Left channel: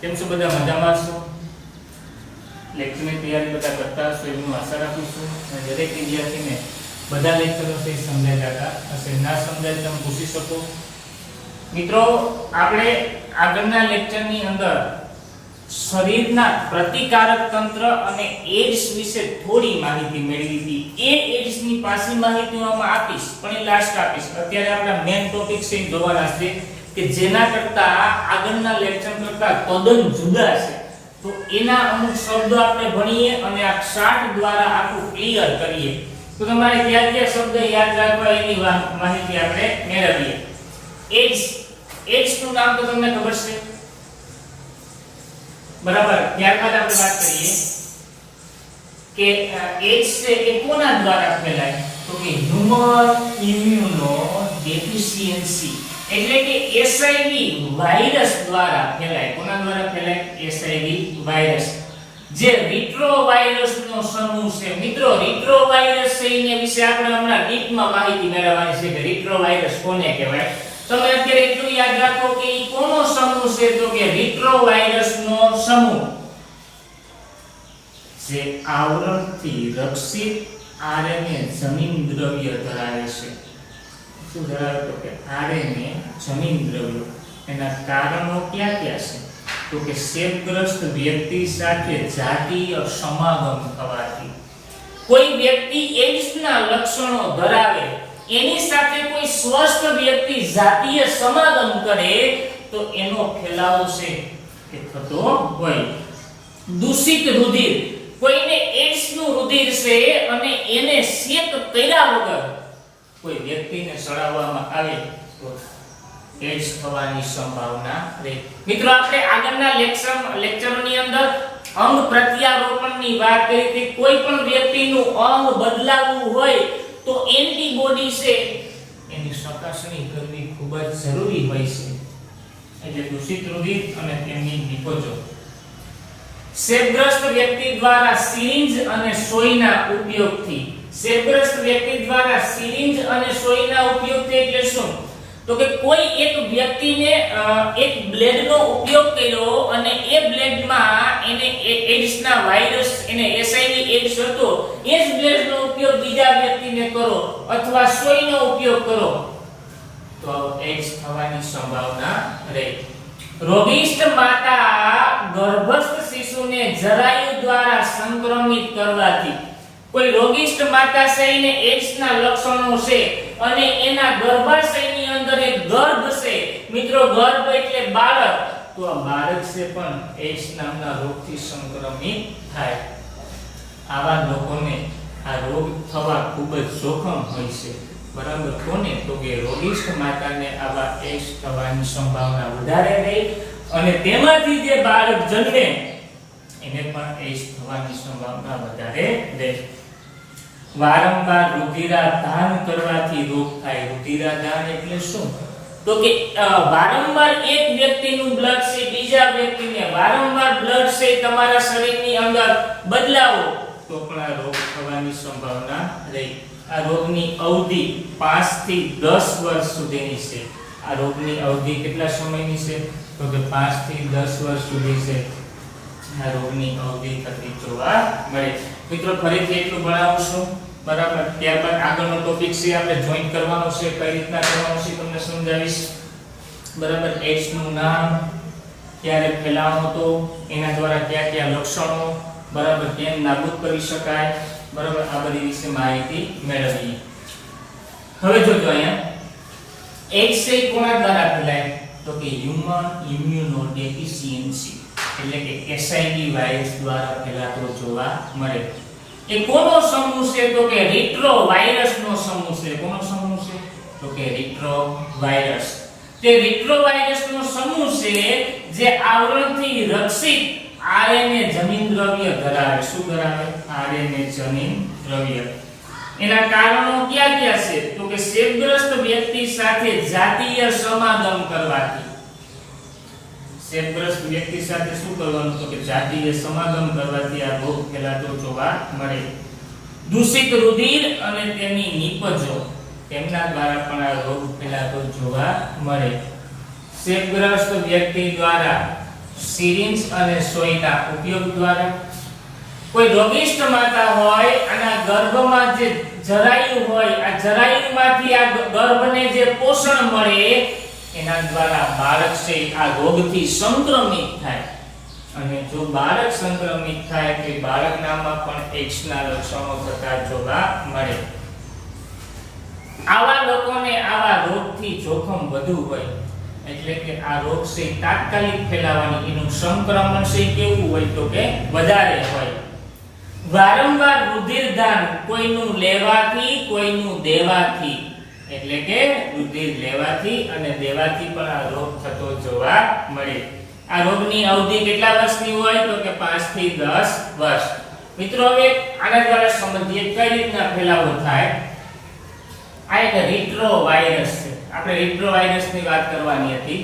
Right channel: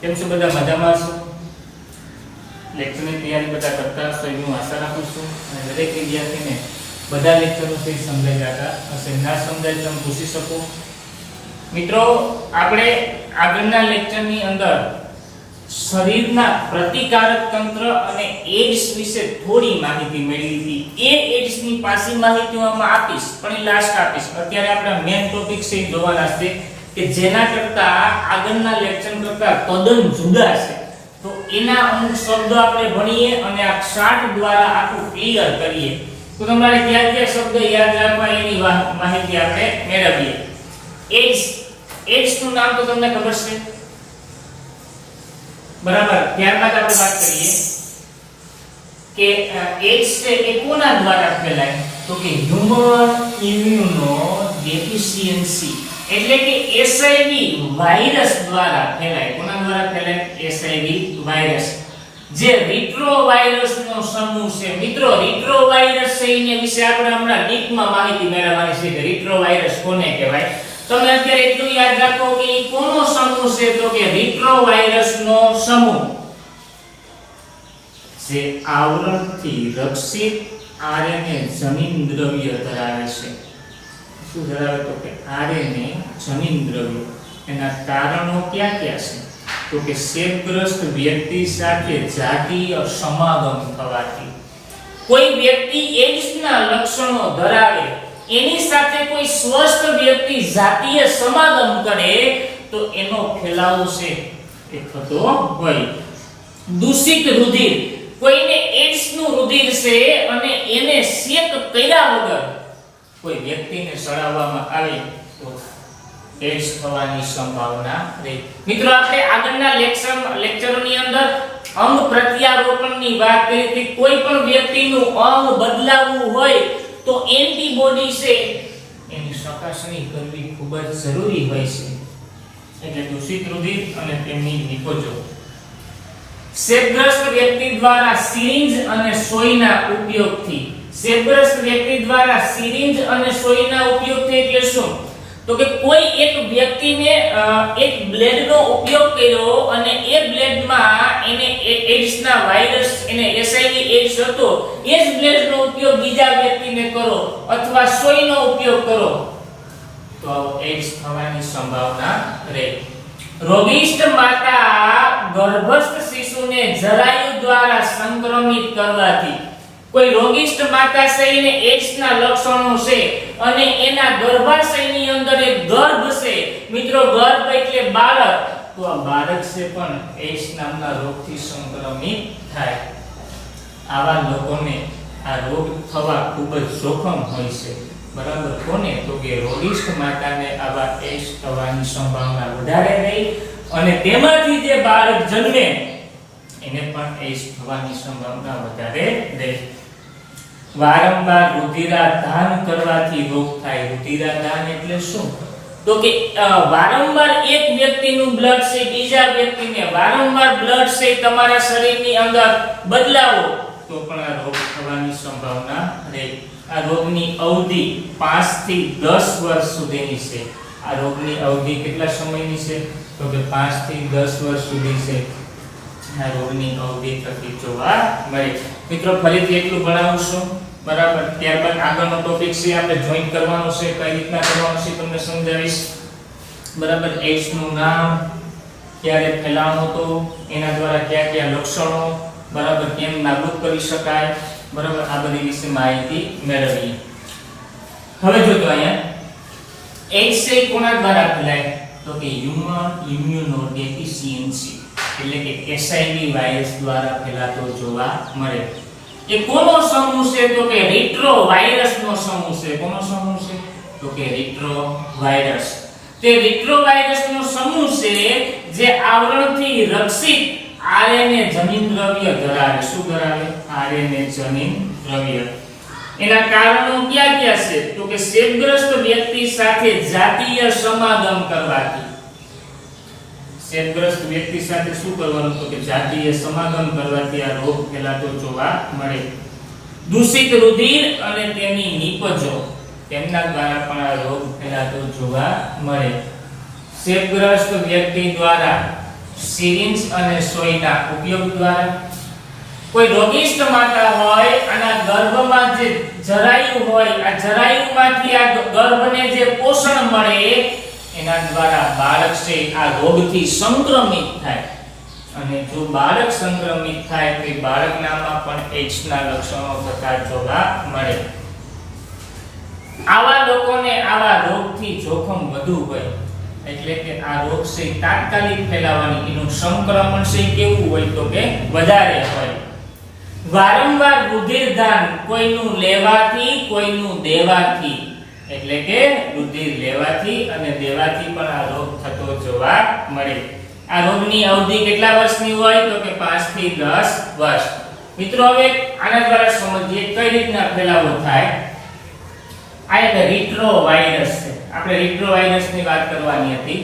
કેમ છો બધા? મજામાં છો? લેક્ચરની તૈયારી બધા કરતા હશો એવી હું આશા રાખું છું અને દરેક વિદ્યાર્થીને બધા લેક્ચરો છે સમજાઈ જતા હશે. ના સમજાય તમે પૂછી શકો. મિત્રો, આપણે આગળના લેક્ચરની અંદર શરીરના પ્રતિકારક તંત્ર અને એડ્સ વિશે થોડી માહિતી મેળવી હતી. એ એડ્સની પાછી માહિતી હું આમાં આપીશ, પણ એ લાસ્ટ આપીશ. અત્યારે આપણા મેઇન ટોપિક છે એ જોવાના છે કે જેના કરતા આગળના લેક્ચર કરતા તદ્દન જુદા છે. તો એના અમુક શબ્દો આપણે ભણીએ અને આ ચાર્ટ દ્વારા આખું ક્લિયર કરીએ. તો તમારે કયા કયા શબ્દ યાદ રાખવા એની માહિતી આપણે મેળવીએ. એડ્સ નું નામ તો તમને ખબર છે, બરાબર? ત્યારબાદ આપણે વાત કરીએ કે એડ્સ છે એ કોના દ્વારા ફેલાય? તો કે હ્યુમન ઇમ્યુનો ડેફિશિયન્સી એટલે કે એસઆઈવી વાયરસ દ્વારા ફેલાય. કોના દ્વારા ફેલાય? એસઆઈવી વાયરસ, જે રિટ્રોવાયરસનો સમૂહ છે. મિત્રો, રિટ્રોવાયરસ છે એના વિશે આપણે હમણાં ડીપમાં માહિતી મેળવવાની છે કે રિટ્રોવાયરસ કોને કહેવાય. તમે અત્યારે એટલું યાદ રાખો કે એ કોનો સમૂહ છે? તો કે રિટ્રોવાયરસનો સમૂહ જે આવરણથી રક્ષિત આરએનએ જનીન દ્રવ્ય ધરાવે છે. શું ધરાવે? તો કે આરએનએ જનીન દ્રવ્ય. એના કારણો ક્યાં ક્યાં છે? તો કે ચેપગ્રસ્ત વ્યક્તિ સાથે જાતીય સમાગમ થવાથી. કોઈ વ્યક્તિ એડ્સના લક્ષણો ધરાવે, એની સાથે કોઈ સ્વસ્થ વ્યક્તિ જાતીય સમાગમ કરે તો એનો ફેલાવો છે એ થતો હોય. દૂષિત રુધિર, કોઈને એડ્સ નું રુધિર છે અને એને ચેક કર્યા વગર કોઈ વ્યક્તિને ચડાવવામાં આવે તો એડ્સ થવાની સંભાવના રહે. મિત્રો, આપણે આગળના લેક્ચરની અંદર અંગ પ્રત્યારોપણની વાત કરી હતી. કોઈ પણ વ્યક્તિનું અંગ બદલાવવું હોય તો એન્ટીબોડી છે એની ચકાસણી કરવી ખૂબ જ જરૂરી હોય છે. એટલે દૂષિત રુધિર અને તેમની નિપજો. ચેપગ્રસ્ત વ્યક્તિ દ્વારા સિરિંજ અને સોયના ઉપયોગથી. ચેપગ્રસ્ત વ્યક્તિ દ્વારા સિરિંજ અને સોયના ઉપયોગથી એટલે શું? તો કે કોઈ એક વ્યક્તિને એક બ્લેડનો ઉપયોગ કર્યો અને એ બ્લેડમાં એને એડ્સના વાયરસ, એને એસઆઈવી એડ્સ હતો, એ જ બ્લેડનો ઉપયોગ બીજા વ્યક્તિને કરો અથવા સોયનો ઉપયોગ કરો તો એડ્સ થવાની સંભાવના રહે. રોગિષ્ઠ માતા ગર્ભસ્થ શિશુને જરાયુ દ્વારા સંક્રમિત કરવાથી. કોઈ રોગિષ્ઠ માતા છે એને એડ્સના લક્ષણો છે અને એના ગર્ભાશયની અંદર એક ગર્ભ છે. મિત્રો, ગર્ભ એટલે બાળક, તો આ બાળક છે પણ એડ્સ નામના રોગથી સંક્રમિત થાય. આવા લોકોને આ રોગ થવા ખૂબ જ જોખમ હોય છે, બરાબર? કોને? તો કે રોગિષ્ઠ માતાને આવા એડ્સ થવાની સંભાવના વધારે રહે અને તેમાંથી જે બાળક જન્મે એને પણ એડ્સ થવાની સંભાવના વધારે રહે. વારંવાર રુધિરાદાન કરવાથી રોગ થાય. રુધિરાદાન એટલે શું? તો કે વારંવાર એક વ્યક્તિનું બ્લડ છે બીજા વ્યક્તિને, વારંવાર બ્લડ છે તમારા શરીરની અંદર બદલાવો તો પણ આ રોગ થવાની સંભાવના રહે. આ રોગની અવધિ 5 થી 10 વર્ષ સુધીની છે. આ રોગની અવધિ કેટલા સમયની છે? તો કે 5 થી 10 વર્ષ સુધી છે. આ રોગની અવધિ થતી જોવા મળે. મિત્રો, ફરીથી એટલું ભણાવું છું, બરાબર? ત્યારબાદ આગળનો ટોપિક છે આપણે જોઈન કરવાનો છે, કઈ રીતના કરવાનો છે તમને સમજાવીશ, બરાબર? એડ્સ નું નામ, ક્યારે ફેલાવો હતો, એના દ્વારા કયા કયા લક્ષણો, બરાબર, કેમ નાબૂદ કરી શકાય, બરાબર? આ બધી વિશે માહિતી મેળવીએ. હવે જોજો અહીંયા એડ્સ છે કોના દ્વારા ફેલાય? તો કે હ્યુમન ઇમ્યુનો ડેફિશિયન્સી એટલે કે એસઆઈવી વાયરસ દ્વારા ફેલાતો જોવા મળે. એ કોનો સમૂહ છે? તો કે રિટ્રોવાયરસનો સમૂહ છે. કોનો સમૂહ છે? તો કે રિટ્રોવાયરસ. તે રિટ્રોવાયરસનો સમૂહ છે જે આવરણથી રક્ષિત આરએનએ જનીન દ્રવ્ય ધરાવે. શું ધરાવે? આરએનએ જનીન દ્રવ્ય. એના કારણો ક્યાં ક્યાં છે? તો કે ચેપગ્રસ્ત વ્યક્તિ સાથે જાતીય સમાગમ કરવાથી. ચેપગ્રસ્ત વ્યક્તિ સાથે શું કરવાનું? તો કે જાતીય સમાગમ કરવાથી આ રોગ ફેલાતો જોવા મળે. દૂષિત રુધિર અને તેની નિપજો, તેમના દ્વારા પણ આ રોગ ફેલાતો જોવા મળે. ચેપગ્રસ્ત વ્યક્તિ દ્વારા સિરિંજ અને સોયના ઉપયોગ દ્વારા. કોઈ રોગિષ્ટ માતા હોય અને ગર્ભમાં જે જરાયું હોય, આ જરાયુમાંથી આ ગર્ભને જે પોષણ મળે એના દ્વારા બાળક છે આ રોગથી સંક્રમિત થાય. અને જો બાળક સંક્રમિત થાય તો બાળકનામાં પણ એઇડ્સના લક્ષણો થતા જોવા મળે. આવા લોકોને આવા રોગથી જોખમ વધુ હોય, એટલે કે આ રોગ છે તાત્કાલિક ફેલાવાની, એનું સંક્રમણ છે કેવું હોય તો કે વધારે હોય. વારંવાર રુધિરદાન કોઈનું લેવાથી કોઈનું દેવાથી, એટલે કે રુધિર લેવાથી અને દેવાથી પણ આ રોગ થતો જોવા મળે. આ રોગની અવધિ કેટલા વર્ષની હોય તો કે 5 થી 10 વર્ષ. મિત્રો હવે આના દ્વારા સમજીએ કઈ રીતના ફેલાવો થાય. આ એક રિટ્રોવાયરસ છે. આપણે રિટ્રોવાયરસની વાત કરવાની હતી.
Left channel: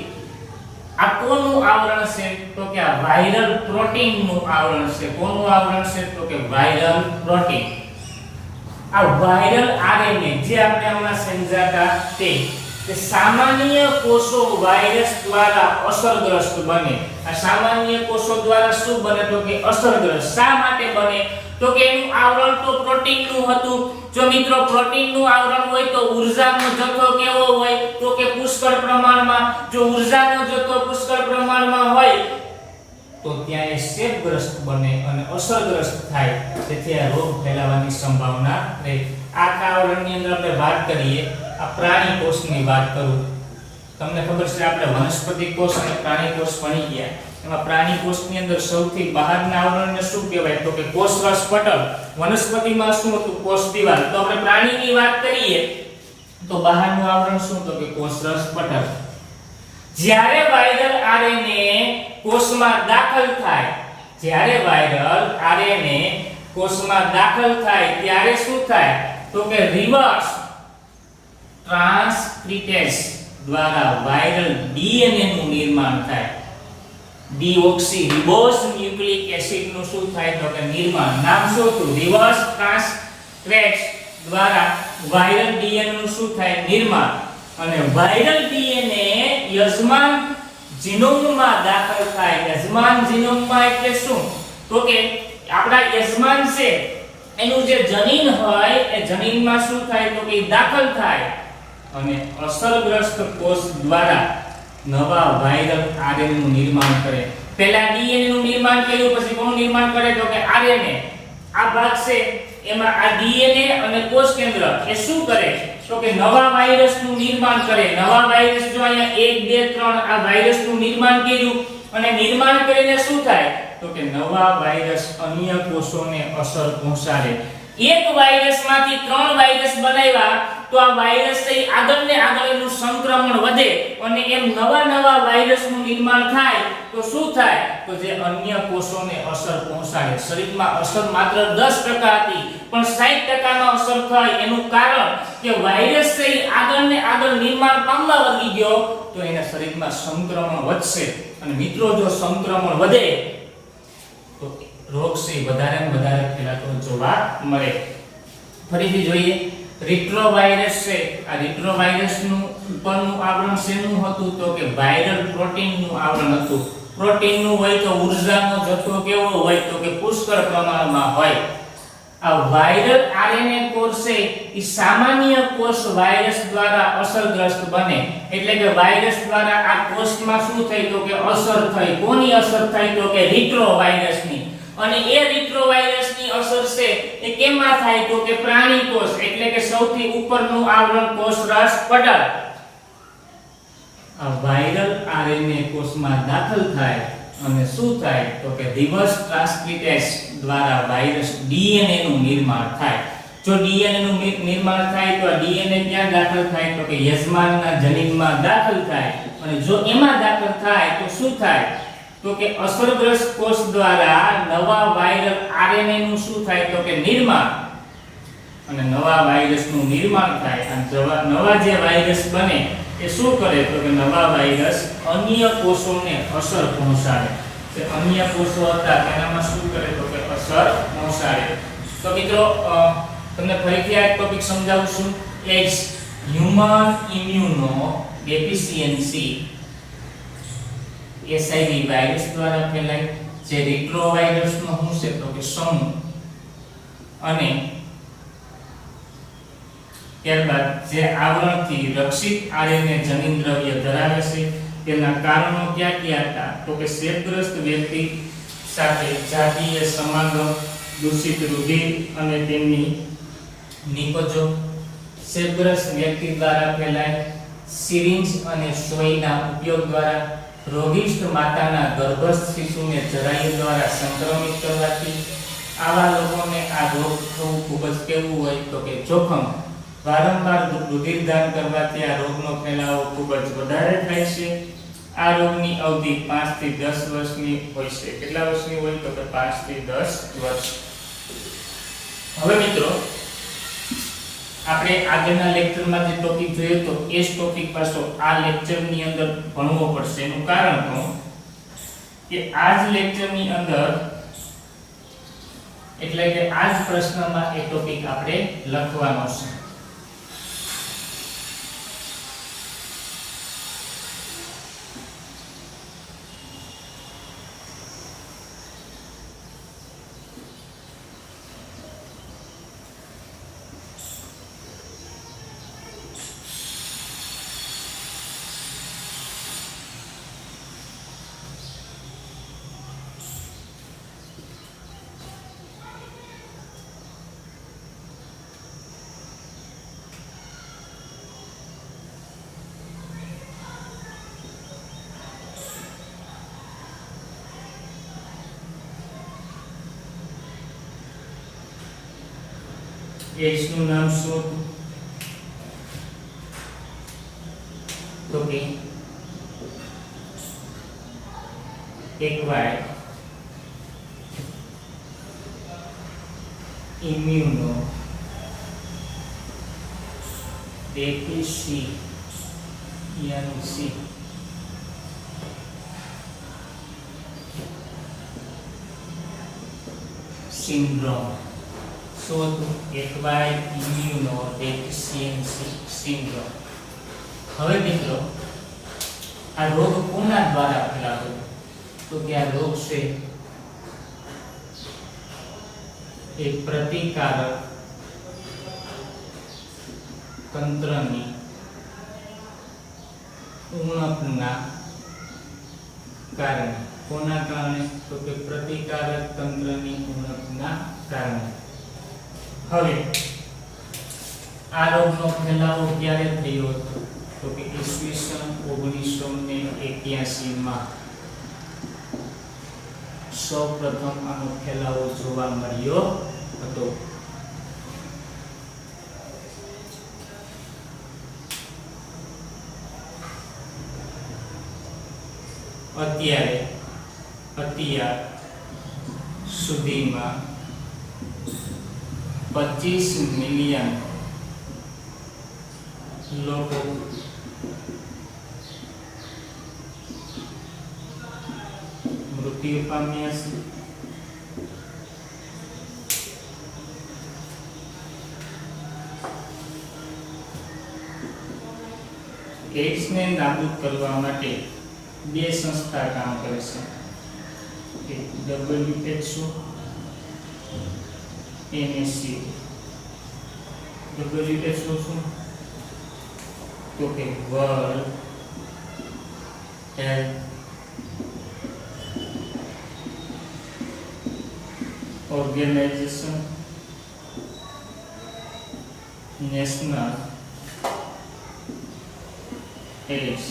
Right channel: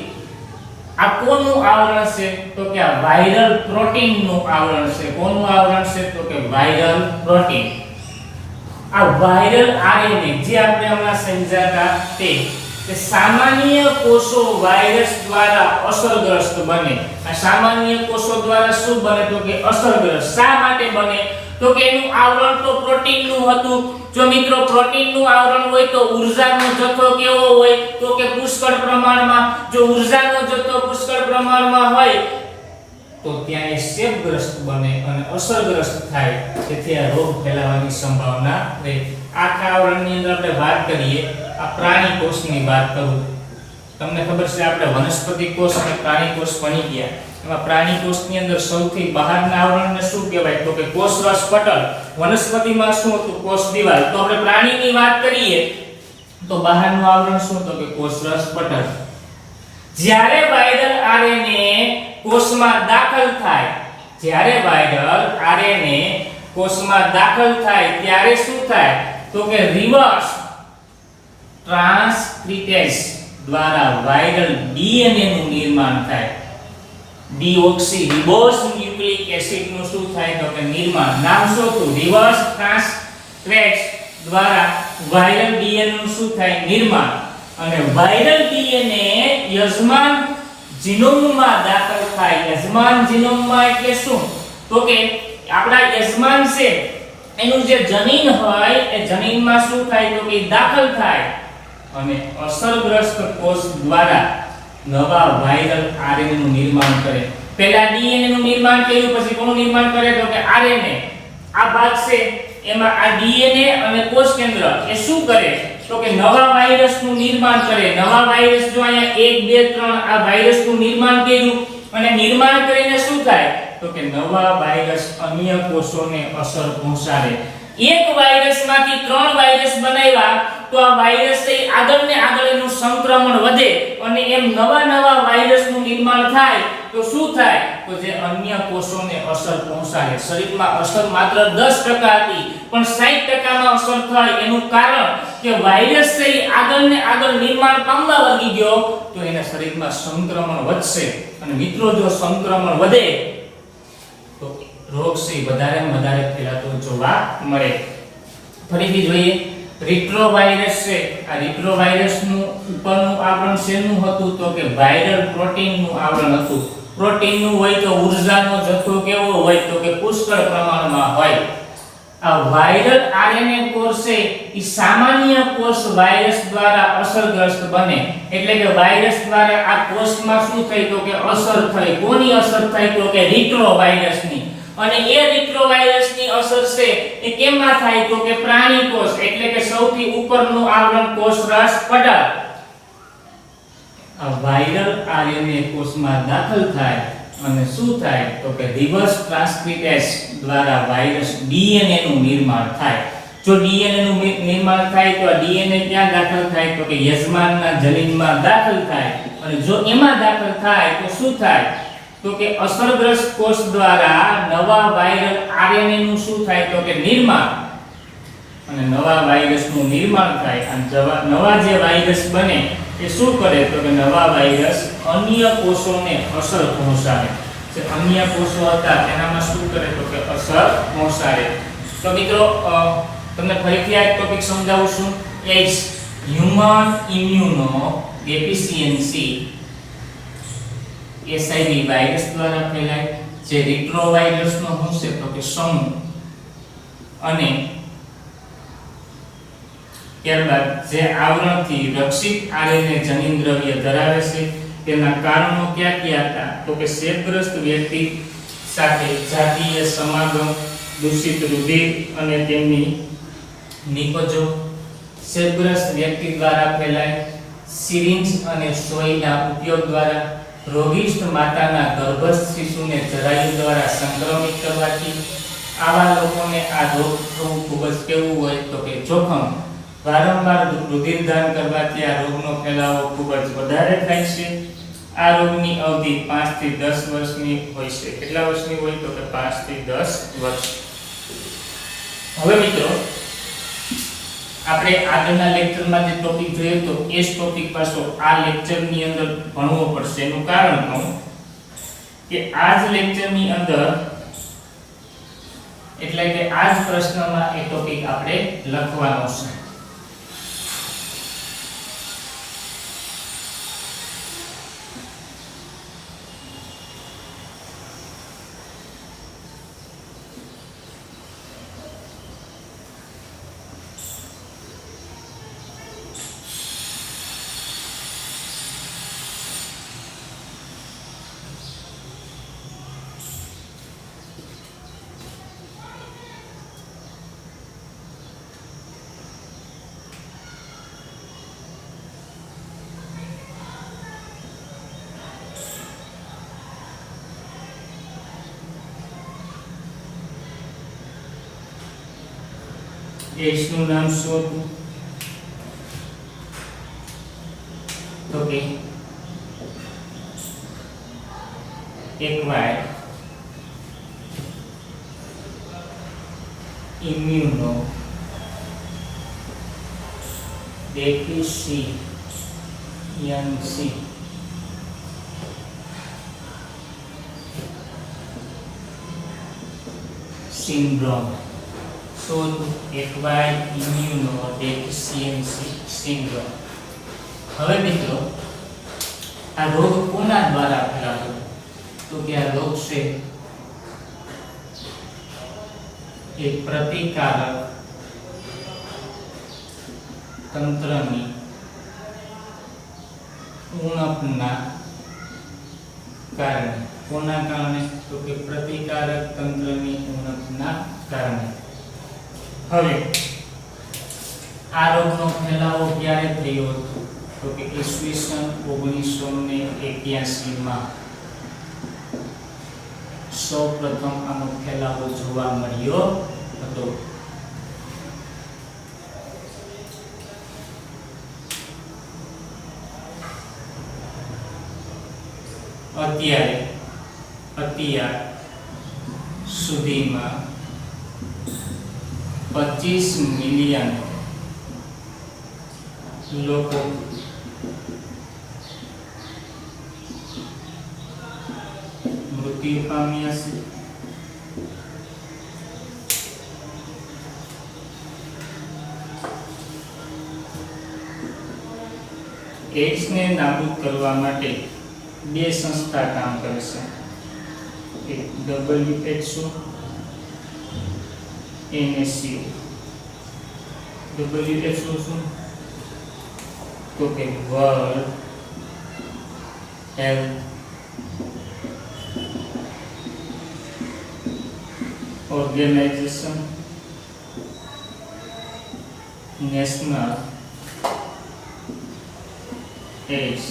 આ કોનું આવરણ છે તો કે આ વાયરલ પ્રોટીનનું આવરણ છે. કોનું આવરણ છે તો કે વાયરલ પ્રોટીન. આ વાયરલ આરએનએ જે આપણે હમણાં સમજાતા તે સામાન્ય કોષો વાયરસ દ્વારા અસરગ્રસ્ત બને. આ સામાન્ય કોષો દ્વારા શું બને તો કે અસરગ્રસ્ત. શા માટે બને તો કે એનું આવરણ તો પ્રોટીનનું હતું. જો મિત્રો પ્રોટીનનું આવરણ હોય તો ઊર્જાનો જથ્થો કેવો હોય તો કે પુષ્કળ પ્રમાણમાં. જો ઊર્જાનો જથ્થો પુષ્કળ પ્રમાણમાં હોય તો ત્યાં એ ચેપગ્રસ્ત બને અને અસરગ્રસ્ત થાય. તેથી આ રોગ ફેલાવાની સંભાવના રહે. આખા આવરણની અંદર આપણે વાત કરીએ, આ પ્રાણી કોષની વાત કરું. તમને ખબર છે આપણે વનસ્પતિ કોષ અને પ્રાણી કોષ ભણી ગયા. એમાં પ્રાણી કોષની અંદર સૌથી બહારના આવરણને શું કહેવાય તો કે કોષરસ પટલ. વનસ્પતિમાં શું હતું કોષ દિવાલ. તો આપણે પ્રાણીની વાત કરીએ તો બહારનું આવરણ શું તો કે કોષરસ પટલ. જ્યારે વાયરલ આરએનએ કોષમાં દાખલ થાય, જ્યારે વાયરલ આરએનએ કોષમાં દાખલ થાય ત્યારે શું થાય તો કે રિવર્સ ટ્રાન્સક્રિપ્ટેઝ દ્વારા વાયરલ ડીએનએ નું નિર્માણ થાય. ડીઓક્સીરિબોઝ ન્યુક્લિક એસિડ નું શું થાય તો કે નિર્માણ. નામ શું હતું રિવર્સ ટ્રાન્સક્રિપ્ટેઝ દ્વારા વાયરલ ડીએનએ નું શું થાય નિર્માણ. અને વાયરલ ડીએનએ યજમાન જીનોમમાં દાખલ થાય. યજમાન જીનોમમાં એટલે શું તો કે આપણા યજમાન છે એનું જે જનીન હોય એ જનીનમાં શું થાય તો કે દાખલ થાય અને અસરગ્રસ્ત કોષ દ્વારા નવા વાયરલ આરએનએ નું નિર્માણ કરે. પહેલા ડીએનએ નું નિર્માણ કર્યું, પછી કોનું નિર્માણ કરે તો કે આરએનએ. આ ભાગ છે એમાં આ ડીએનએ અને કોષ કેન્દ્ર એ શું કરે તો કે નવા વાયરસ નું નિર્માણ કરે. નવા વાયરસ જો અહીંયા 1 2 3 આ વાયરસ નું નિર્માણ કર્યું અને નિર્માણ કરીને શું થાય તો કે નવા વાયરસ અન્ય કોષોને અસર પહોંચાડે. એક વાયરસમાંથી 3 વાયરસ બનાવ્યા તો આ વાયરસ આગળ ને આગળ એનું સંક્રમણ વધે અને એમ નવા વાયરસનું નિર્માણ થાય તો શું થાય તો જે અન્ય કોષોને અસર પહોંચાડે. શરીરમાં અસર માત્ર 10% હતી પણ 60% માં અસર થાય. એનું કારણ કે વાયરસ આગળ ને આગળ નિર્માણ પામવા લાગી ગયો તો એના શરીરમાં સંક્રમણ વધશે. અને મિત્રો જો સંક્રમણ વધે તો રોગ છે વધારે ને વધારે ફેલાતો જોવા મળે. ફરીથી જોઈએ રિટ્રોવાયરસ છે. આ રિટ્રોવાયરસનું ઉપરનું આવરણ શેનું હતું તો કે વાયરલ પ્રોટીનનું આવરણ હતું. પ્રોટીનનું હોય તો ઊર્જાનો જથ્થો કેવો હોય તો કે પુષ્કળ પ્રમાણમાં હોય. આ વાયરલ આરએનએ કોષ છે એ સામાન્ય કોષ વાયરસ દ્વારા અસરગ્રસ્ત બને. એટલે કે વાયરસ દ્વારા આ કોષમાં શું થઈ તો કે અસર થઈ. કોની અસર થઈ તો કે રિટ્રોવાયરસની. અને એ રિટ્રોવાયરસની અસર છે એ કેમાં થાય તો કે પ્રાણી કોષ, એટલે કે સૌથી ઉપરનું આવરણ કોષરસ પટલ. આ વાયરલ આરએનએ કોષમાં દાખલ થાય અને શું થાય તો કે રિવર્સ ટ્રાન્સક્રિપ્ટેઝ દ્વારા વાયરસ ડીએનએ નું નિર્માણ થાય. જો ડીએનએ નું નિર્માણ થાય તો ડીએનએ ક્યાં દાખલ થાય તો કે યજમાનના જનીનમાં દાખલ થાય. અને જો એમાં દાખલ થાય તો શું થાય તો કે અસરગ્રસ્ત કોષ દ્વારા નવા વાયરલ આરએનએ નું શું થાય તો કે નિર્માણ. અને નવા વાયરસનું નિર્માણ થાય અને નવા જે વાયરસ બને એ શું કરે તો કે નવા વાયરસ અન્ય કોષોને અસર પહોંચાડે. જે અન્ય કોષો હતા એનામાં શું કરે તો કે અસર પહોંચાડે. તો મિત્રો તમને ફરીથી આ ટોપિક સમજાવું છું. AIDS human immuno deficiency SIV virus દ્વારા ફેલાય. જે રિટ્રોવાયરસનો શું છે તો કે સમૂહ. અને ત્યારબાદ જે આવરણથી રક્ષિત આરએનએ જનીનદ્રવ્ય ધરાવે છે તેના કારણો ક્યાં ક્યાં હતા તો કે ચેપગ્રસ્ત વ્યક્તિ સાથે જાતીય સમાગમ, દૂષિત રુધિર અને તેમની નિકોજો, ચેપગ્રસ્ત વ્યક્તિ દ્વારા ફેલાય, સિરિંજ અને સોયના ઉપયોગ દ્વારા, રોગિષ્ઠ માતાના ગર્ભસ્થ શિશુને જરાયુ દ્વારા સંક્રમિત કરવાથી. આવા લોકોને આ રોગ થવું ખૂબ જ કેવું હોય તો કે જોખમ. વારંવાર રુધિરદાન કરવાથી આ રોગનો ફેલાવો ખૂબ જ વધારે થાય છે. આ રોગની અવધિ 5 થી 10 વર્ષની હોય છે. કેટલા વર્ષની હોય તો કે 5 થી 10 વર્ષ. હવે મિત્રો આપણે આગળના લેક્ચરમાં જે ટોપિક જોઈએ તો એ જ ટોપિક પાછો આ લેક્ચરની અંદર ભણવો પડશે. એનું કારણ શું કે આ જ લેક્ચરની અંદર એટલે કે આ જ પ્રશ્નમાં એ ટોપિક આપણે લખવાનો છે. X નું નામ શું હતું તો કે એક વાય ઇમ્યુનો ડેફિશિયન્સી સિન્ડ્રોમ. શું હતું? Acquired immuno deficiency syndrome. હવે મિત્રો આ રોગ કોના દ્વારા ફેલાતો તો કે આ રોગ છે એક પ્રતિકારક તંત્રની ઉણપના કારણે. કોના કારણે તો કે પ્રતિકારક તંત્રની ઉણપના કારણે. હવે આ રોગનો ફેલાવો ક્યારે થયો હતો તો કે ઈસવીસન 1981 માં સૌપ્રથમ આનો ફેલાવો જોવા મળ્યો હતો. અત્યાર સુધીમાં 25 મિલિયન લોકો મૃત્યુ પામ્યા છે. એડ્સને નાબૂદ કરવા માટે બે સંસ્થા કામ કરે છે. એક WHO NSC. WHO શું તો કે world health organisation, national AIDS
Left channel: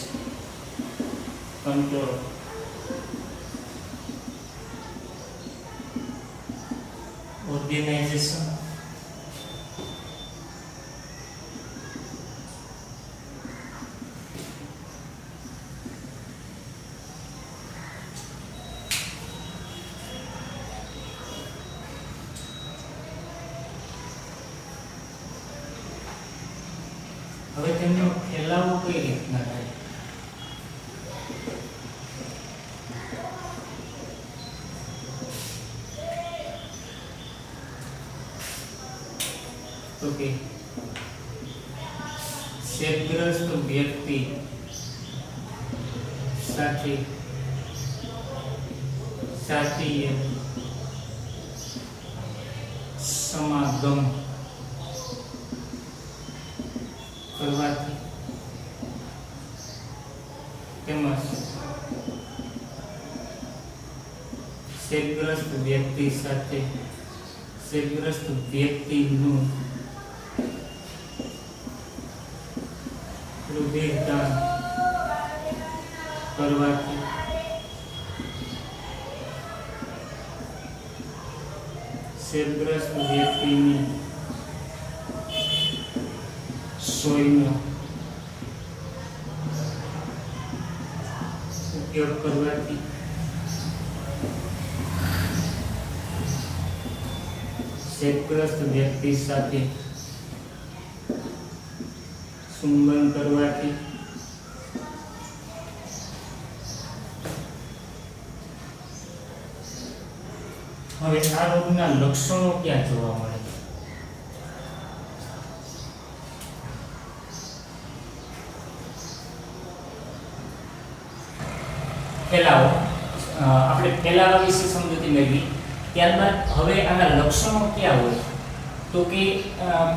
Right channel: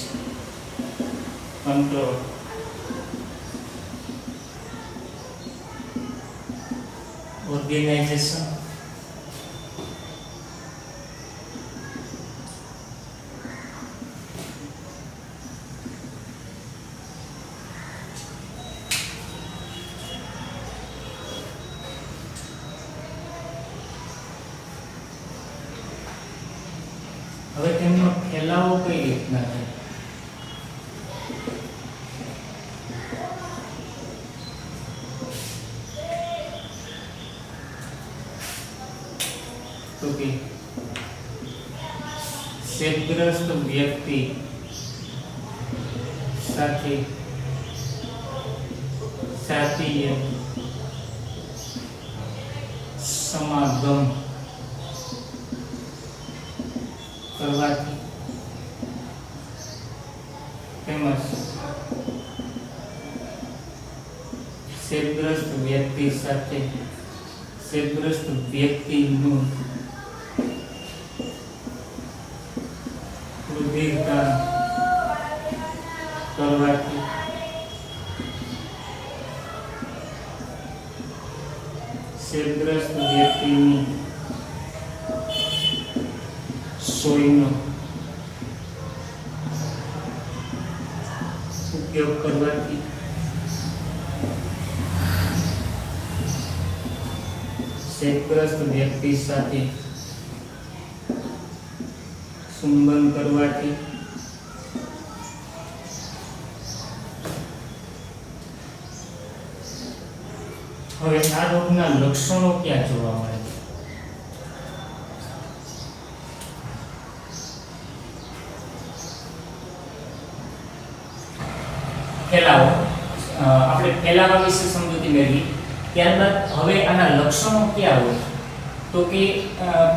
control organisation. હવે તેમનો ફેલાવો કઈ રીતના થાય તો કે ચેપગ્રસ્ત વ્યક્તિ સાથે જાતીય સમાગમ કરવાથી તેમજ ચેપગ્રસ્ત વ્યક્તિ સાથે ચેપગ્રસ્ત વ્યક્તિનું હૃદયદાન કરવાથી ચેપગ્રસ્ત વ્યક્તિની સોયનો ઉપયોગ કરવાથી ચેપગ્રસ્ત વ્યક્તિ સાથે ચુંબન કરવાથી હવે આ રોગના લક્ષણો ક્યાં જોવા મળે? ફેલાવો. આપણે ફેલાવા વિશે સમજૂતી મેળવી. ત્યારબાદ હવે આના લક્ષણો ક્યાં હોય? તો કે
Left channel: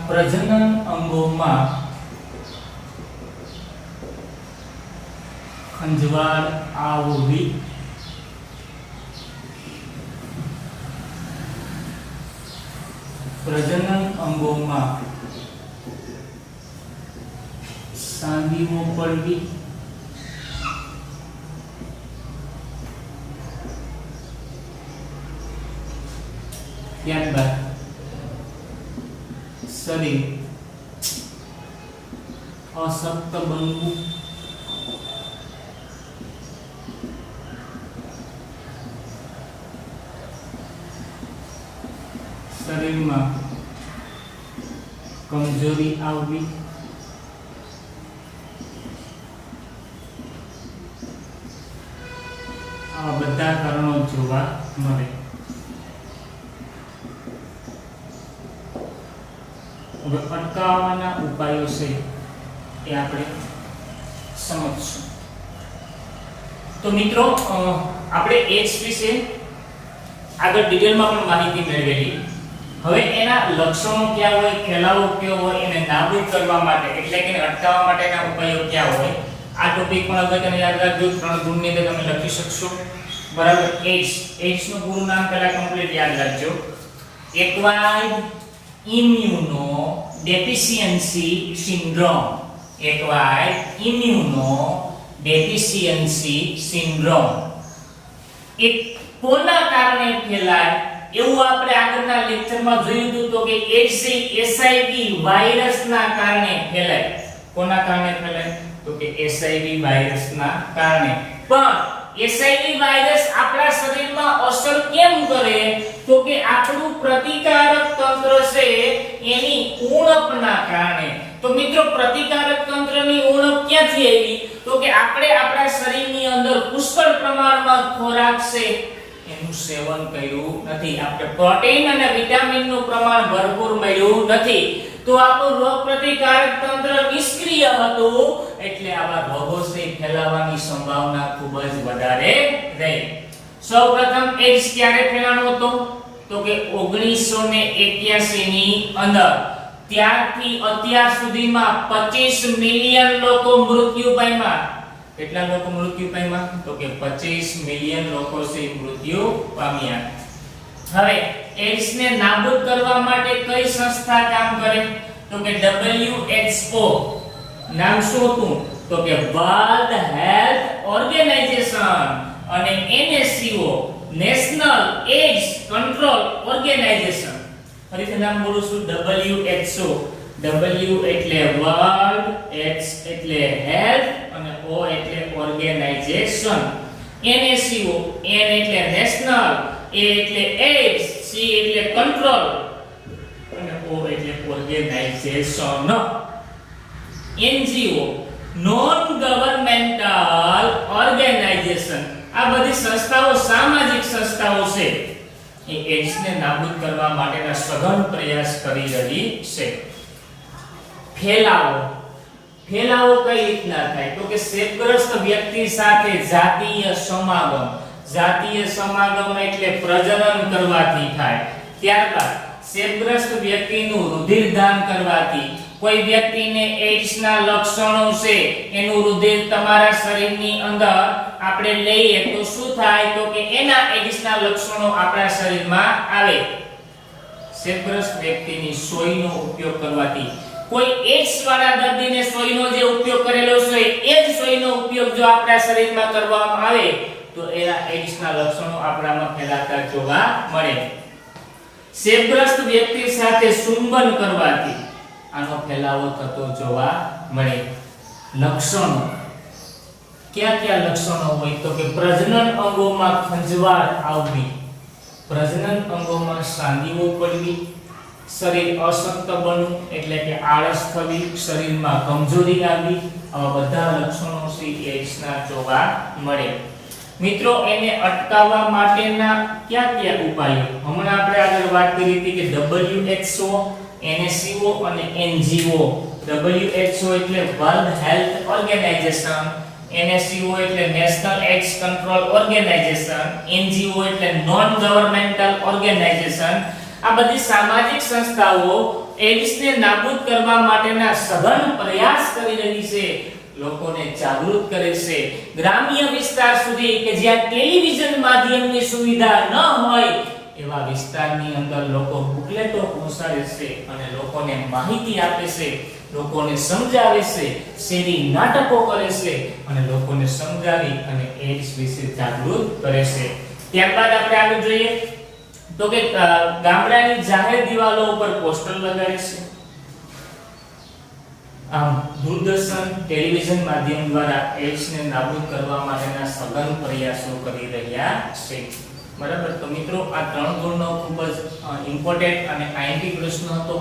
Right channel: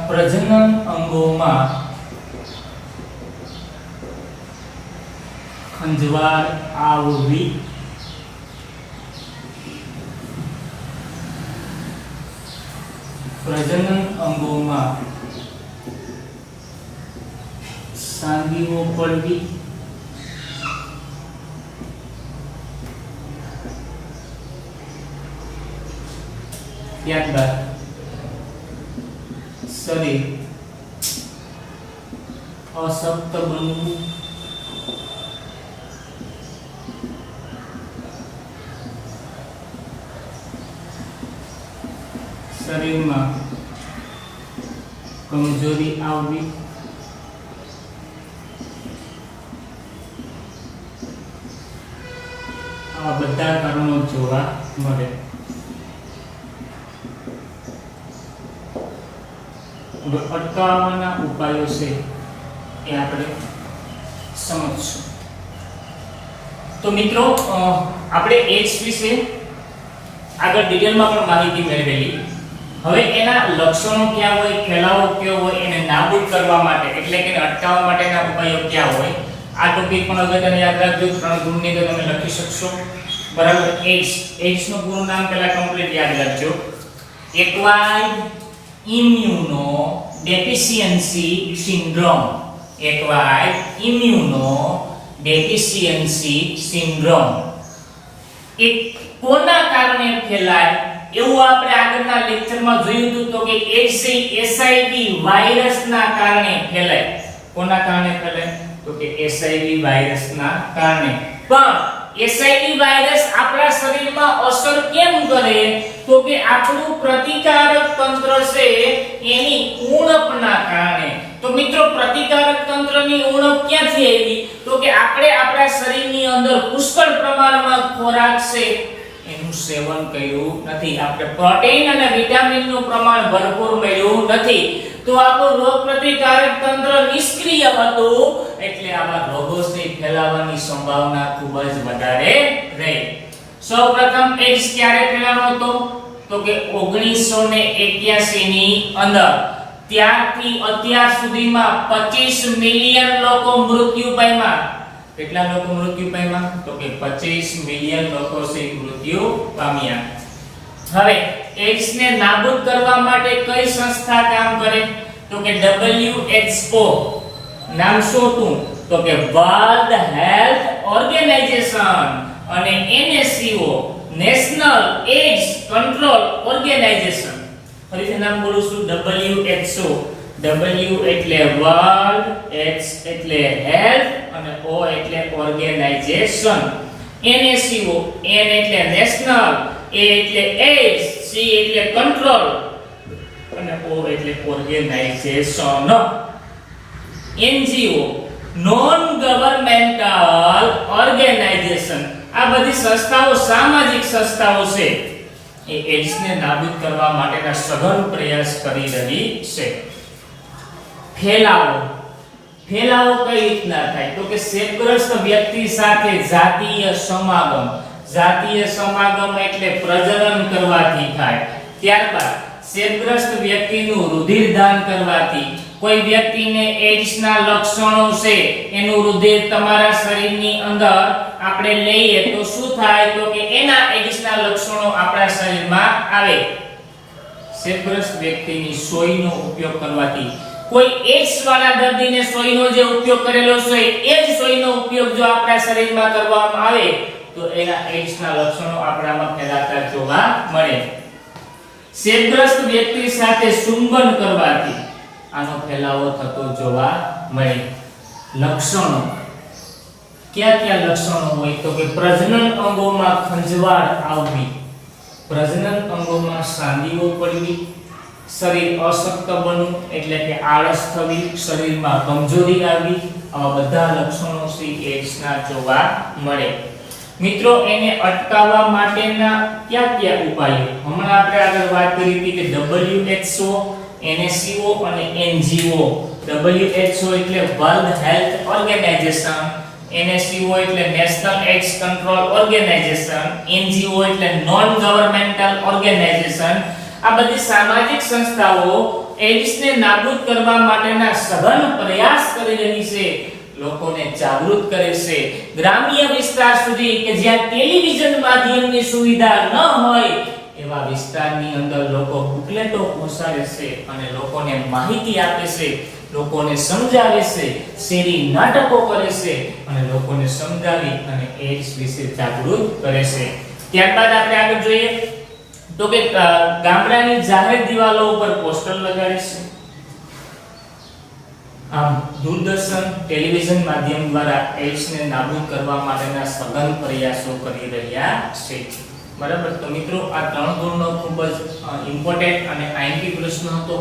પ્રજનન અંગોમાં ખંજવાળ આવવી, પ્રજનન અંગોમાં સાંધીઓ પડવી, ત્યારબાદ શરીર અશક્ત બનવું, શરીરમાં કમજોરી આવવી, આ બધા કારણો જોવા મળે. હવે અટકાવવાના ઉપાયો છે એ આપણે સમજશું. તો મિત્રો આપણે એડ્સ વિશે આગળ ડિટેલમાં પણ માહિતી મેળવેલી. હવે એના લક્ષણો ક્યાં હોય, ફેલાવો કયો હોય, એને નાબૂદ કરવા માટે એટલે કે અટકાવવા માટેના ઉપાયો ક્યાં હોય, આ ટોપિક પણ હવે તમે યાદ રાખજો. 3 ગુણની અંદર તમે લખી શકશો. બરાબર. એડ્સ નું પૂરું નામ પહેલા કમ્પ્લીટ યાદ રાખજો. Acquired immuno deficiency syndrome. Acquired immuno deficiency syndrome. એ કોના કારણે ફેલાય એવું આપણે આગળના લેક્ચરમાં જોયું હતું. તો કે એચઆઈવી વાયરસના કારણે ફેલાય. કોના કારણે ફેલાય? તો કે એચઆઈવી વાયરસના કારણે. પણ એચઆઈવી વાયરસ આપણા શરીરમાં અસર કેમ કરે? તો કે આપણું પ્રતિકારક તંત્ર છે એની ઉણપના કારણે. તો મિત્રો પ્રતિકારક તંત્રની ઉણપ ક્યાંથી આવી? તો કે આપણે આપણા શરીરની અંદર પુષ્કળ પ્રમાણમાં ખોરાક છે એનું સેવન કર્યું નથી. આપણે પ્રોટીન અને વિટામિનનું પ્રમાણ ભરપૂર મળ્યું નથી. તો આપણું રોગ પ્રતિકારક તંત્ર નિષ્ક્રિય હતું એટલે આવા રોગો ફેલાવાની સંભાવના ખૂબ જ વધારે રહી. સૌપ્રથમ એડ્સ ક્યારે ફેલાવાનો હતો? તો કે 1981 ની અંદર. ત્યારથી અત્યાર સુધીમાં 25 મિલિયન લોકો મૃત્યુ પામ્યા. કેટલા લોકો મૃત્યુ પામ્યા? તો કે 25 મિલિયન લોકો મૃત્યુ પામ્યા. હવે એડ્સ ને નાબૂદ કરવા માટે કઈ સંસ્થા કામ કરે? તો કે WHO. નામ શું હતું? તો કે વર્લ્ડ હેલ્થ ઓર્ગેનાઇઝેશન. અને NSCO national AIDS control organisation. ફરીથી નામ બોલું છું. WHO. W એટલે વર્લ્ડ, H એટલે હેલ્થ અને O એટલે ઓર્ગેનાઇઝેશન. NSCO, N એટલે નેશનલ, A એટલે એડ્સ, C એટલે કંટ્રોલ અને O એટલે organisation. NGO non governmental organisation. આ બધી સંસ્થાઓ સામાજિક સંસ્થાઓ છે. એ એડ્સ ને નાબૂદ કરવા માટેના સઘન પ્રયાસ કરી રહી છે. ફેલાવો કઈ રીતના થાય? તો કે ચેપગ્રસ્ત વ્યક્તિ સાથે જાતીય સમાગમ. જાતીય સમાગમ એટલે પ્રજનન કરવાથી થાય. ત્યારબાદ ચેપગ્રસ્ત વ્યક્તિનું રુધિરદાન કરવાથી. કોઈ વ્યક્તિને એઇડ્સના લક્ષણો છે, એનું રુધિર તમારા શરીરની અંદર આપણે લઈએ તો શું થાય? તો કે એના એઇડ્સના લક્ષણો આપણા શરીરમાં આવે. ચેપગ્રસ્ત વ્યક્તિની સોયનો ઉપયોગ કરવાથી. કોઈ એઇડ્સ વાળા દર્દીને સોયનો જે ઉપયોગ કરેલો છે એ જ સોયનો ઉપયોગ જો આપણા શરીરમાં કરવામાં આવે તો એના એઇડ્સના લક્ષણો આપણામાં ફેલાતા જોવા મળે. ચેપગ્રસ્ત વ્યક્તિ સાથે ચુંબન કરવાથી આનો ફેલાવો થતો જોવા મળે. લક્ષણો કયા કયા લક્ષણો હોય? તો કે પ્રજનન અંગોમાં ખંજવાળ આવવી, પ્રજનન અંગોમાં સાંધીઓ પડવી, શરીર અશક્ત બનવું એટલે કે આળસ થવી, શરીરમાં કમજોરી આવવી, આવા બધા લક્ષણો એઇડ્સના જોવા મળે. મિત્રો, એને અટકાવવા માટેના કયા કયા ઉપાયો? હમણાં આપણે આગળ વાત કરી હતી કે WHO, NACO અને NGO. WHO એટલે વર્લ્ડ હેલ્થ ઓર્ગેનાઇઝેશન, NACO એટલે national AIDS control organisation, NGO એટલે નોન ગવર્નમેન્ટલ ઓર્ગેનાઇઝેશન. આ બધી સામાજિક સંસ્થાઓ એઇડ્સને નાબૂદ કરવા માટેના સઘન પ્રયાસ કરી રહી છે, લોકોને જાગૃત કરે છે. ગ્રામ્ય વિસ્તાર સુધી કે જ્યાં ટેલિવિઝન માધ્યમની સુવિધા ન હોય એવા વિસ્તારની અંદર લોકો બુકલેટો પહોંચાડે છે અને લોકોને માહિતી આપે છે, લોકોને સમજાવે છે, શેરી નાટકો કરે છે અને લોકોને સમજાવી અને એઇડ્સ વિશે જાગૃત કરે છે. ત્યારબાદ આપણે આગળ જોઈએ તો કે ગામડાની જાહેર દિવાલો ઉપર પોસ્ટર લગાડે છે. આમ દૂરદર્શન, ટેલિવિઝન માધ્યમ દ્વારા એઇડ્સને નાબૂદ કરવા માટેના સઘન પ્રયાસો કરી રહ્યા છે. બરાબર. તો મિત્રો, આ 3 ગુણનો ખૂબ જ ઇમ્પોર્ટન્ટ અને આઈએમપી પ્રશ્ન હતો.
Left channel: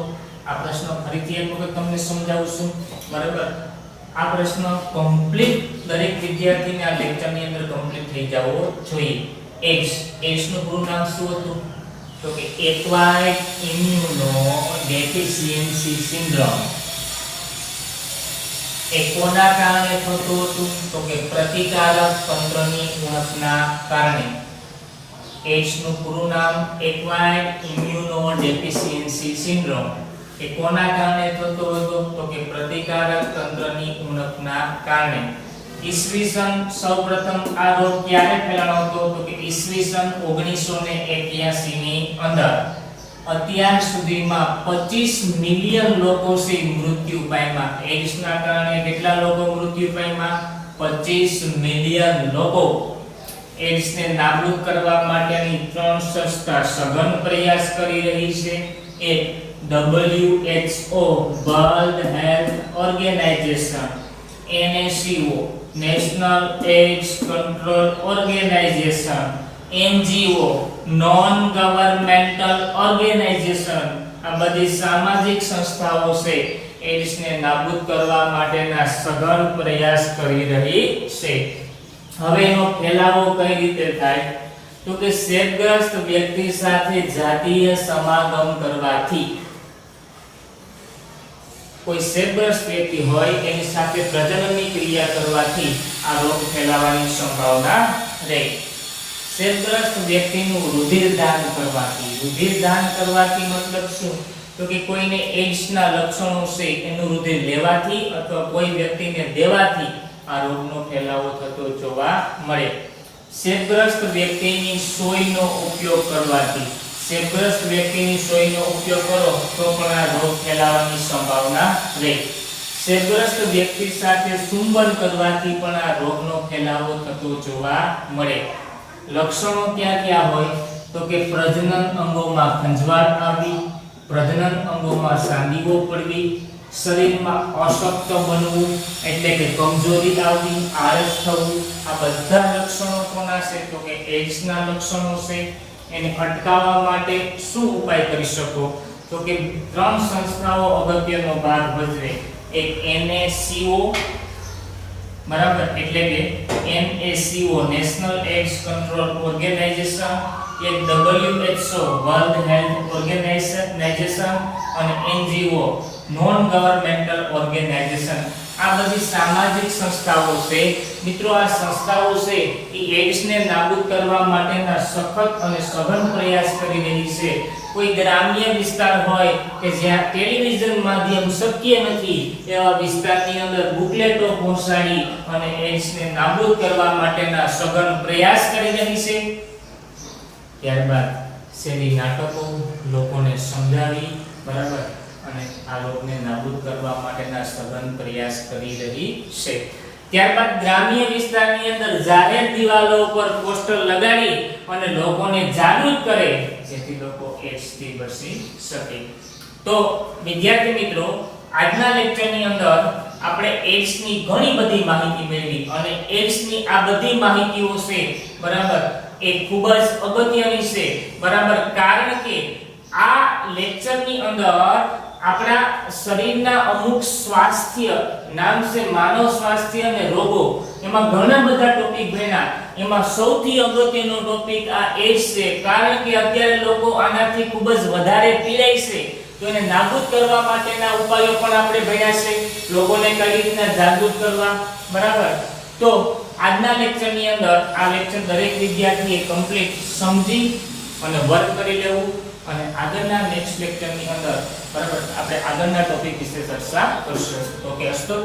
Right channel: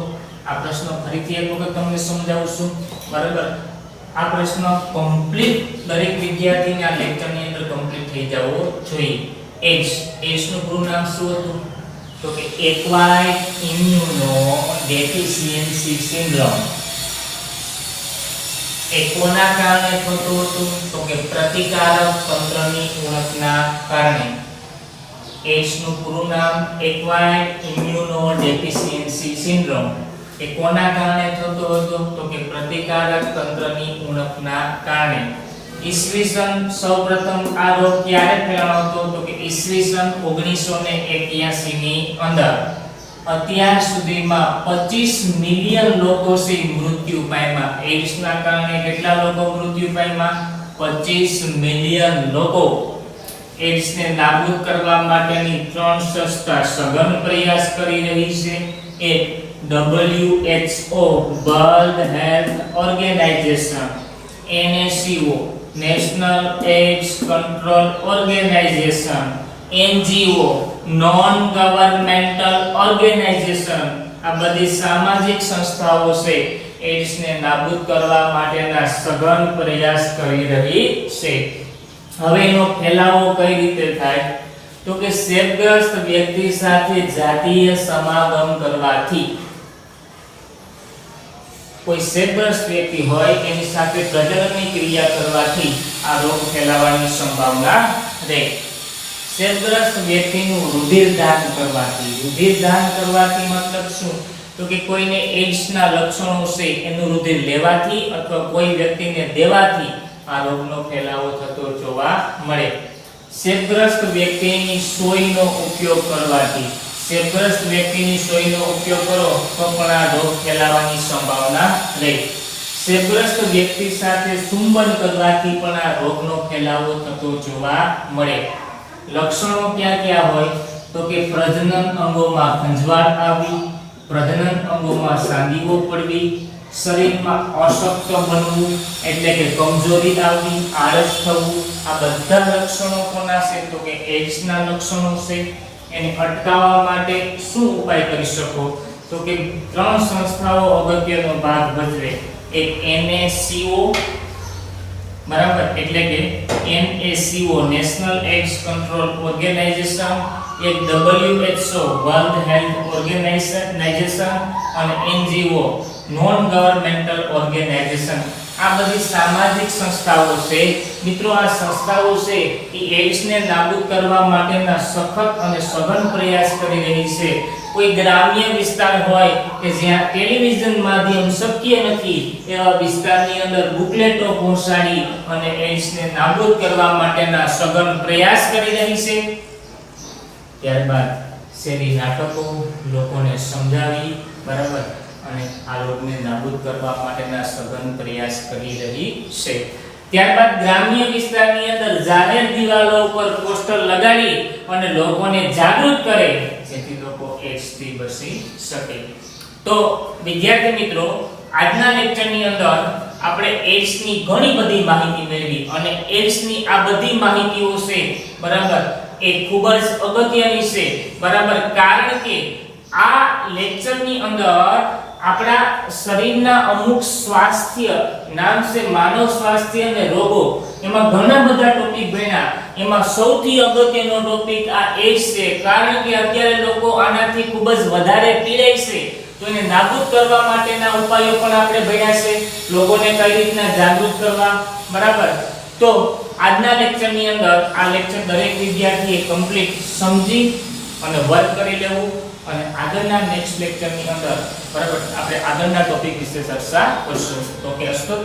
આ પ્રશ્ન ફરીથી એક વખત તમને સમજાવું છું. બરાબર. આ પ્રશ્ન કમ્પ્લીટ દરેક વિદ્યાર્થીના લેક્ચરની અંદર કમ્પ્લીટ થઈ જવો જોઈએ. એઇડ્સ નું પૂરું નામ શું હતું? તો કે એક્વાયર્ડ ઇમ્યુનોડેફિશિયન્સી સિન્ડ્રોમ. એ કોના કારણે થતું હતું? તો કે પ્રતિકારક તંત્રની ઉણપના કારણે. એઇડ્સ નું પૂરું નામ એક્વાયર્ડ ઇમ્યુનોડેફિશિયન્સી સિન્ડ્રોમ. એ કોના કારણે થતું હતું? તો કે પ્રતિકારક તંત્રની ઉણપના કારણે. ઈસવીસન સૌપ્રથમ આ રોગ ક્યારે ફેલાયો હતો? તો કે ઈસવીસન 1981 ની અંદર. અત્યાર સુધીમાં 25 મિલિયન લોકો મૃત્યુ પામ્યા. એઇડ્સના કારણે કેટલા લોકો મૃત્યુ પામ્યા? 25 મિલિયન લોકો. એઇડ્સને નાબૂદ કરવા માટેની 3 સંસ્થા સઘન પ્રયાસ કરી રહી છે. એક WHO, world health organisation, NACO, national AIDS control organisation, NGO, non governmental organisation. આ બધી સામાજિક સંસ્થાઓ છે એઇડ્સને નાબૂદ કરવા માટેના સઘન પ્રયાસ કરી રહી છે. હવે એનો ફેલાવો કઈ રીતે થાય? તો કે ચેપગ્રસ્ત વ્યક્તિ સાથે જાતીય સમાગમ કરવાથી. કોઈ ચેપગ્રસ્ત વ્યક્તિ હોય એની સાથે પ્રજનનની ક્રિયા કરવાથી આ રોગ ફેલાવાની સંભાવના રહે. ચેપગ્રસ્ત વ્યક્તિનું રુધિરદાન કરવાથી. રુધિરદાન કરવાથી મતલબ શું? તો કે કોઈને એઇડ્સના લક્ષણો છે એનું રુધિર લેવાથી અથવા કોઈ વ્યક્તિને દેવાથી આ રોગનો ફેલાવો થતો જોવા મળે. ચેપગ્રસ્ત વ્યક્તિની સોયનો ઉપયોગ કરવાથી. ચેપગ્રસ્ત વ્યક્તિની સોયનો ઉપયોગ કરો તો પણ આ રોગ ફેલાવાની સંભાવના રહે. ચેપગ્રસ્ત વ્યક્તિ સાથે ચુંબન કરવાથી પણ આ રોગનો ફેલાવો થતો જોવા મળે. લક્ષણો ક્યાં ક્યાં હોય? તો કે પ્રજનન અંગોમાં ખંજવાળ આવવી, પ્રજનન અંગોમાં સાંધીઓ પડવી, શરીરમાં અશક્ત બનવું એટલે કે કમજોરી આવવી, આળસ થવું. આ બધા લક્ષણો કોના છે? તો કે એઇડ્સના લક્ષણો છે. એને અટકાવવા માટે શું ઉપાય કરી શકો? તો કે 3 સંસ્થાઓ અગત્યનો ભાગ ભજવે. એક NACO, બરાબર, એટલે કે NACO, national AIDS control organisation, એક WHO, વર્લ્ડ હેલ્થ ઓર્ગેનાઇઝેશન અને NGO, નોન ગવર્નમેન્ટલ ઓર્ગેનાઇઝેશન. આ બધી સામાજિક સંસ્થાઓ છે મિત્રો. આ સંસ્થાઓ છે એ એડ્સને નાબૂદ કરવા માટેના સખત અને સઘન પ્રયાસ કરી રહી છે. કોઈ ગ્રામ્ય વિસ્તાર હોય કે જ્યાં ટેલિવિઝન માધ્યમ શક્ય નથી એવા વિસ્તારની અંદર બુકલેટો પહોંચાડી અને એડ્સને નાબૂદ કરવા માટેના સઘન પ્રયાસ કરી રહી છે. ત્યારબાદ શેરી નાટકો લોકોને સમજાવી બરાબર અને આ રોગને નાબૂદ કરવા માટેના સઘન પ્રયાસ કરી રહી છે. ત્યારબાદ ગ્રામ્ય વિસ્તારની અંદર જાહેર દિવાલો ઉપર પોસ્ટર લગાડી અને લોકોને જાગૃત કરે જેથી લોકો એડ્સ થી બચી શકે. તો વિદ્યાર્થી મિત્રો, આજના લેક્ચરની અંદર આપણે એડ્સ ની ઘણી બધી માહિતી મેળવી અને એડ્સ ની આ બધી માહિતીઓ છે બરાબર એ ખૂબ જ અગત્યની છે બરાબર. કારણ કે આ લેક્ચરની અંદર આપણા શરીરના અમુક સ્વાસ્થ્ય નામ છે માનવ સ્વાસ્થ્ય અને રોગો, એમાં ઘણા બધા ટોપિક ભણ્યા. એમાં સૌથી અગત્યનો ટોપિક આ એડ્સ છે. કારણ કે અત્યારે લોકો આનાથી ખૂબ જ વધારે પીડાય છે. તો એને નાબૂદ કરવા માટેના ઉપાયો પણ આપણે ભણ્યા છે. લોકોને કઈ રીતના જાગૃત કરવા બરાબર. તો આજના લેક્ચરની અંદર આ લેક્ચર દરેક વિદ્યાર્થીએ કમ્પ્લીટ સમજી અને વર્ક કરી લેવું અને આગળના નેક્સ્ટ લેક્ચરની અંદર બરાબર આપણે આગળના ટોપિક વિશે ચર્ચા કરશું. તો કે અસ્તોત